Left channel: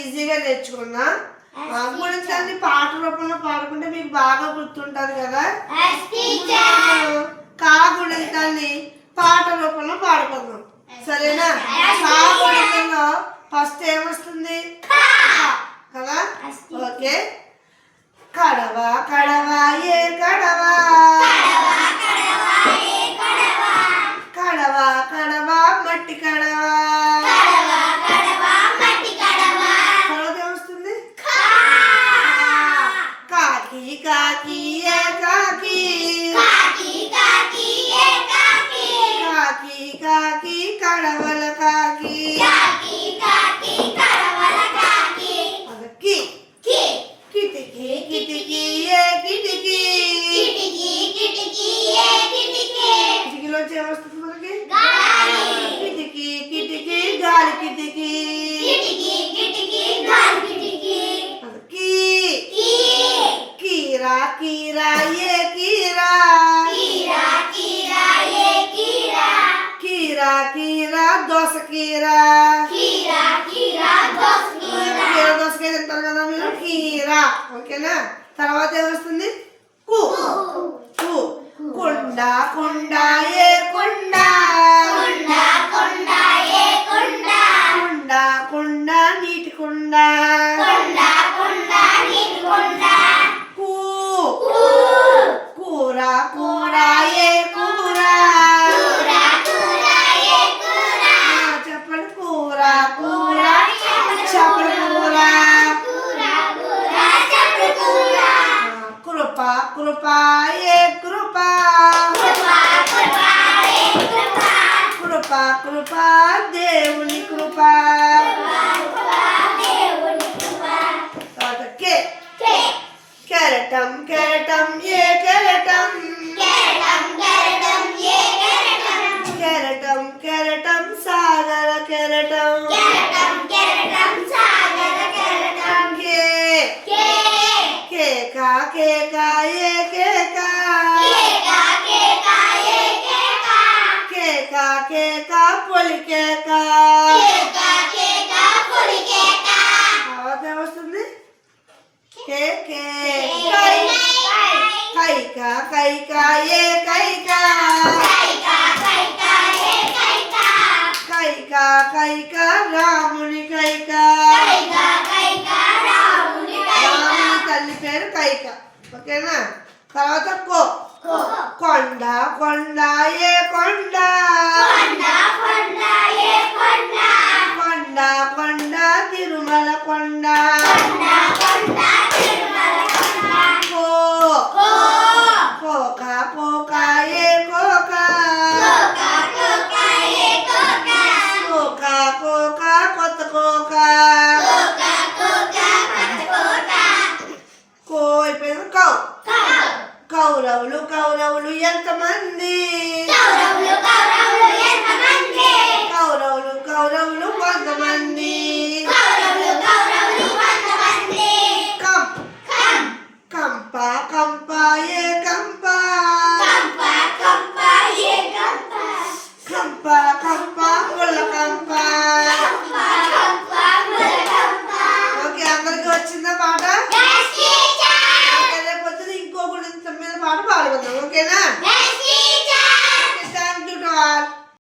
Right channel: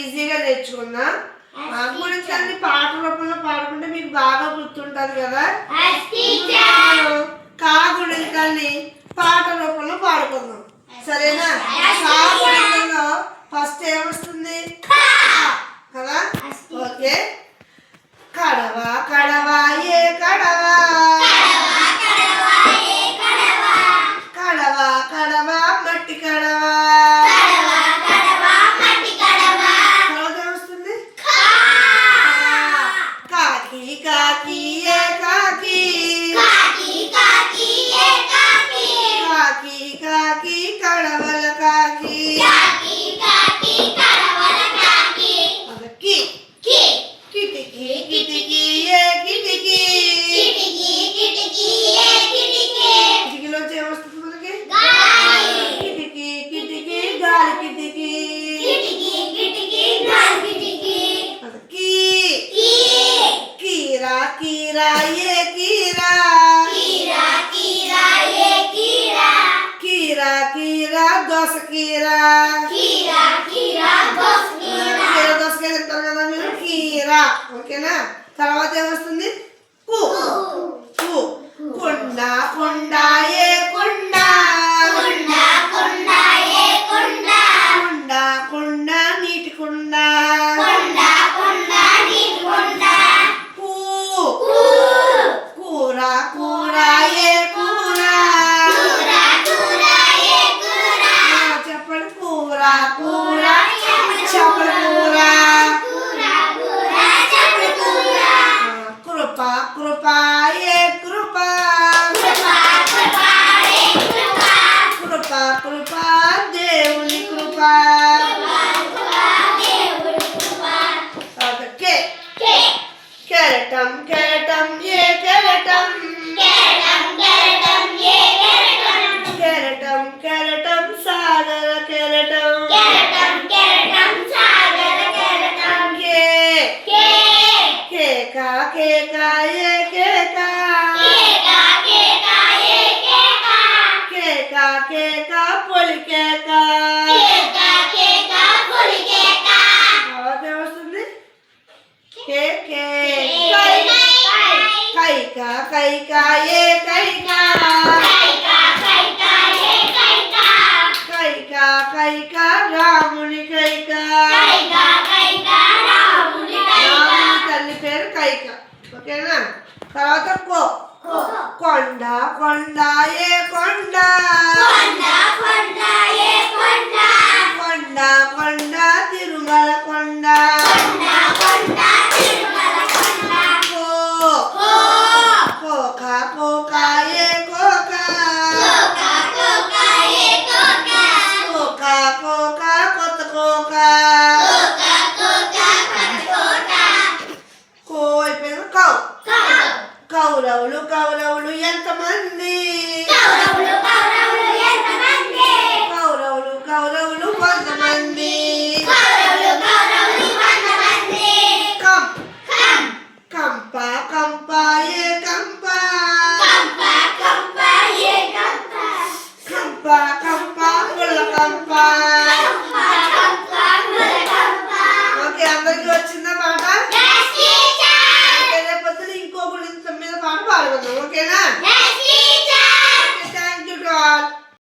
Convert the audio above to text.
ఈజీగా నేర్చుకున్నా. గుణింతాన్ని పాట రూపంలో పాడుకుంటే మీకు బాగా గుర్తుంటుంది కదా. కా గుణింతాన్ని పాట రూపంలో పాడుకుందాం, సరేనా? కా గుణింతంలో ఫస్ట్ ఏమొస్తుంది కదా. ఓకే. కడవ కడవ ఏ కడవ, కడవ కడవ మట్టి కడవ. తర్వాత ఏమొస్తుంది? కాకి కాకి ఏ కాకి, కాకి కాకి కడవల కాకి. కిటికీ కిటికీ ఏ కిటికీ, కిటికీలోంచి ఏమొస్తుంది మనకి? కిటికీ కిటికీ గాలి కిటికీ. కీరా కీరా ఏ కీరా, కీరా కీరా దోస కీరా. దోసకాయ తింటారు కదా మీరు, కీరా. ఓకేనా? తర్వాత ఏమొస్తుంది? కు. కొండ కొండ ఏ కొండ, కొండ కొండ నీటి కొండ. కూ. కూర కూర ఏ కూర, చెప్పండి. కూర కూర చేపల కూర. కృప కృప ఏ కృప, కృప కృప దేవుని కృప. కెరటం కెరటం ఏ కెరటం, కెరటం కెరటం సాగర కెరటం. కేకా కేకా ఏ కేకా, కేకా కేకా పొలి కేకా. ఏమొస్తుంది? కైకా కైకా ఏ కైకా, కైకా కైకా రాముని కైకా. రాముని తల్లి పేరు కైక. ఓకేనా? తర్వాత కో. కొండ కొండ ఏ కొండ, కొండ కొండ తిరుమల కొండ. కోక కోక ఏ కోక, కోక కోక కొత్త కోక. కో అయిపోయింది. కౌ. కౌరవులు కౌరవులు ఎంతమంది, కౌరవులు కౌరవులు కొంతమంది. కంప కంప ఏ కంప, కంప కంప ముళ్ళ కంప.